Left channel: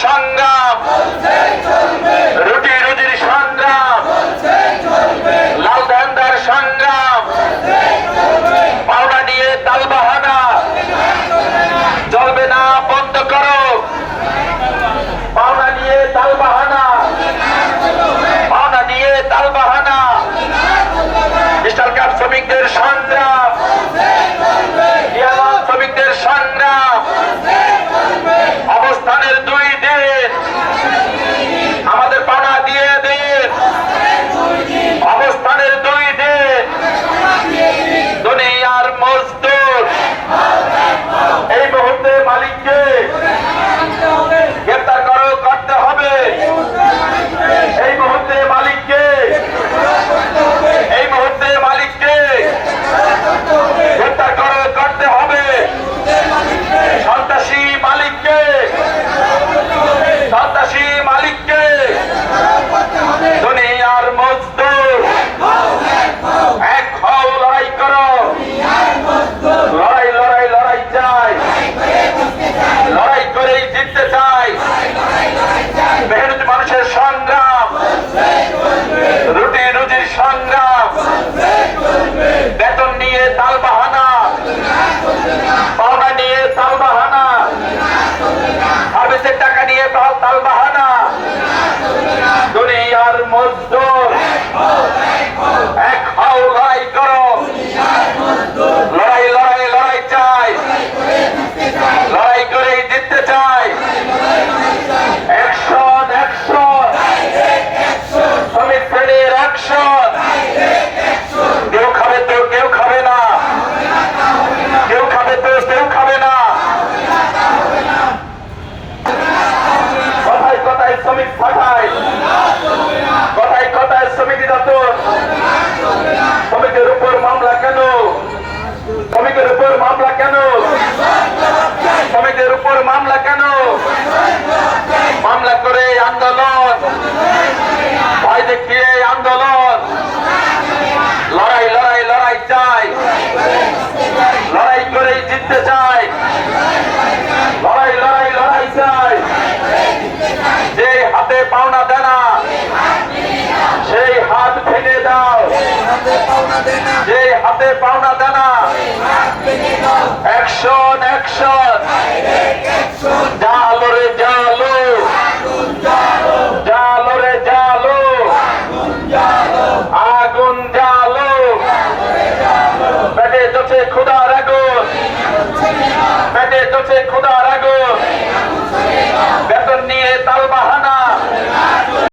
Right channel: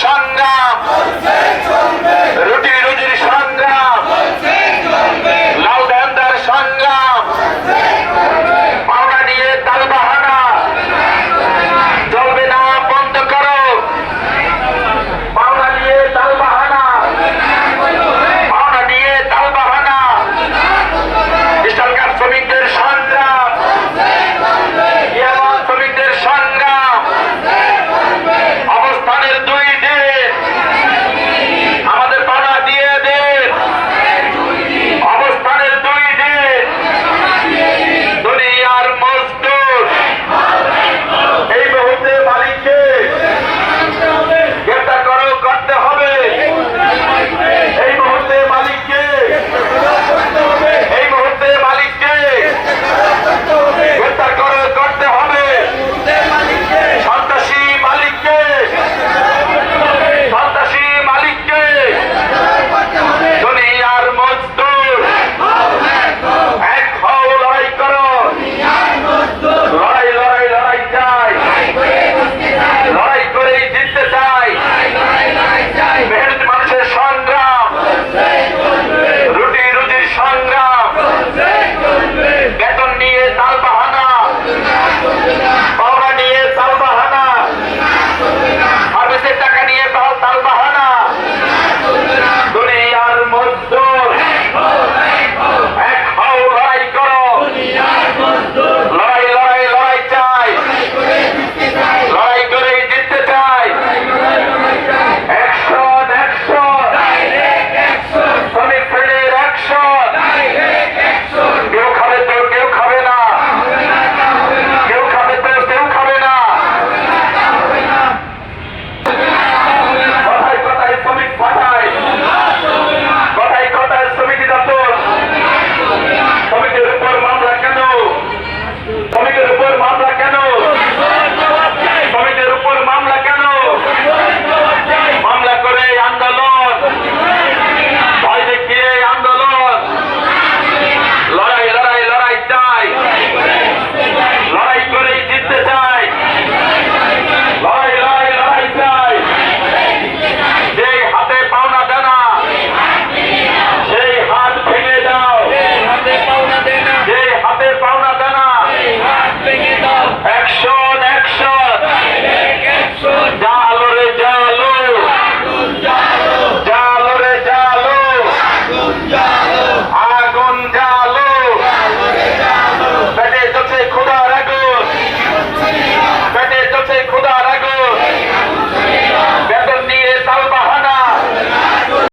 সংজ্ঞা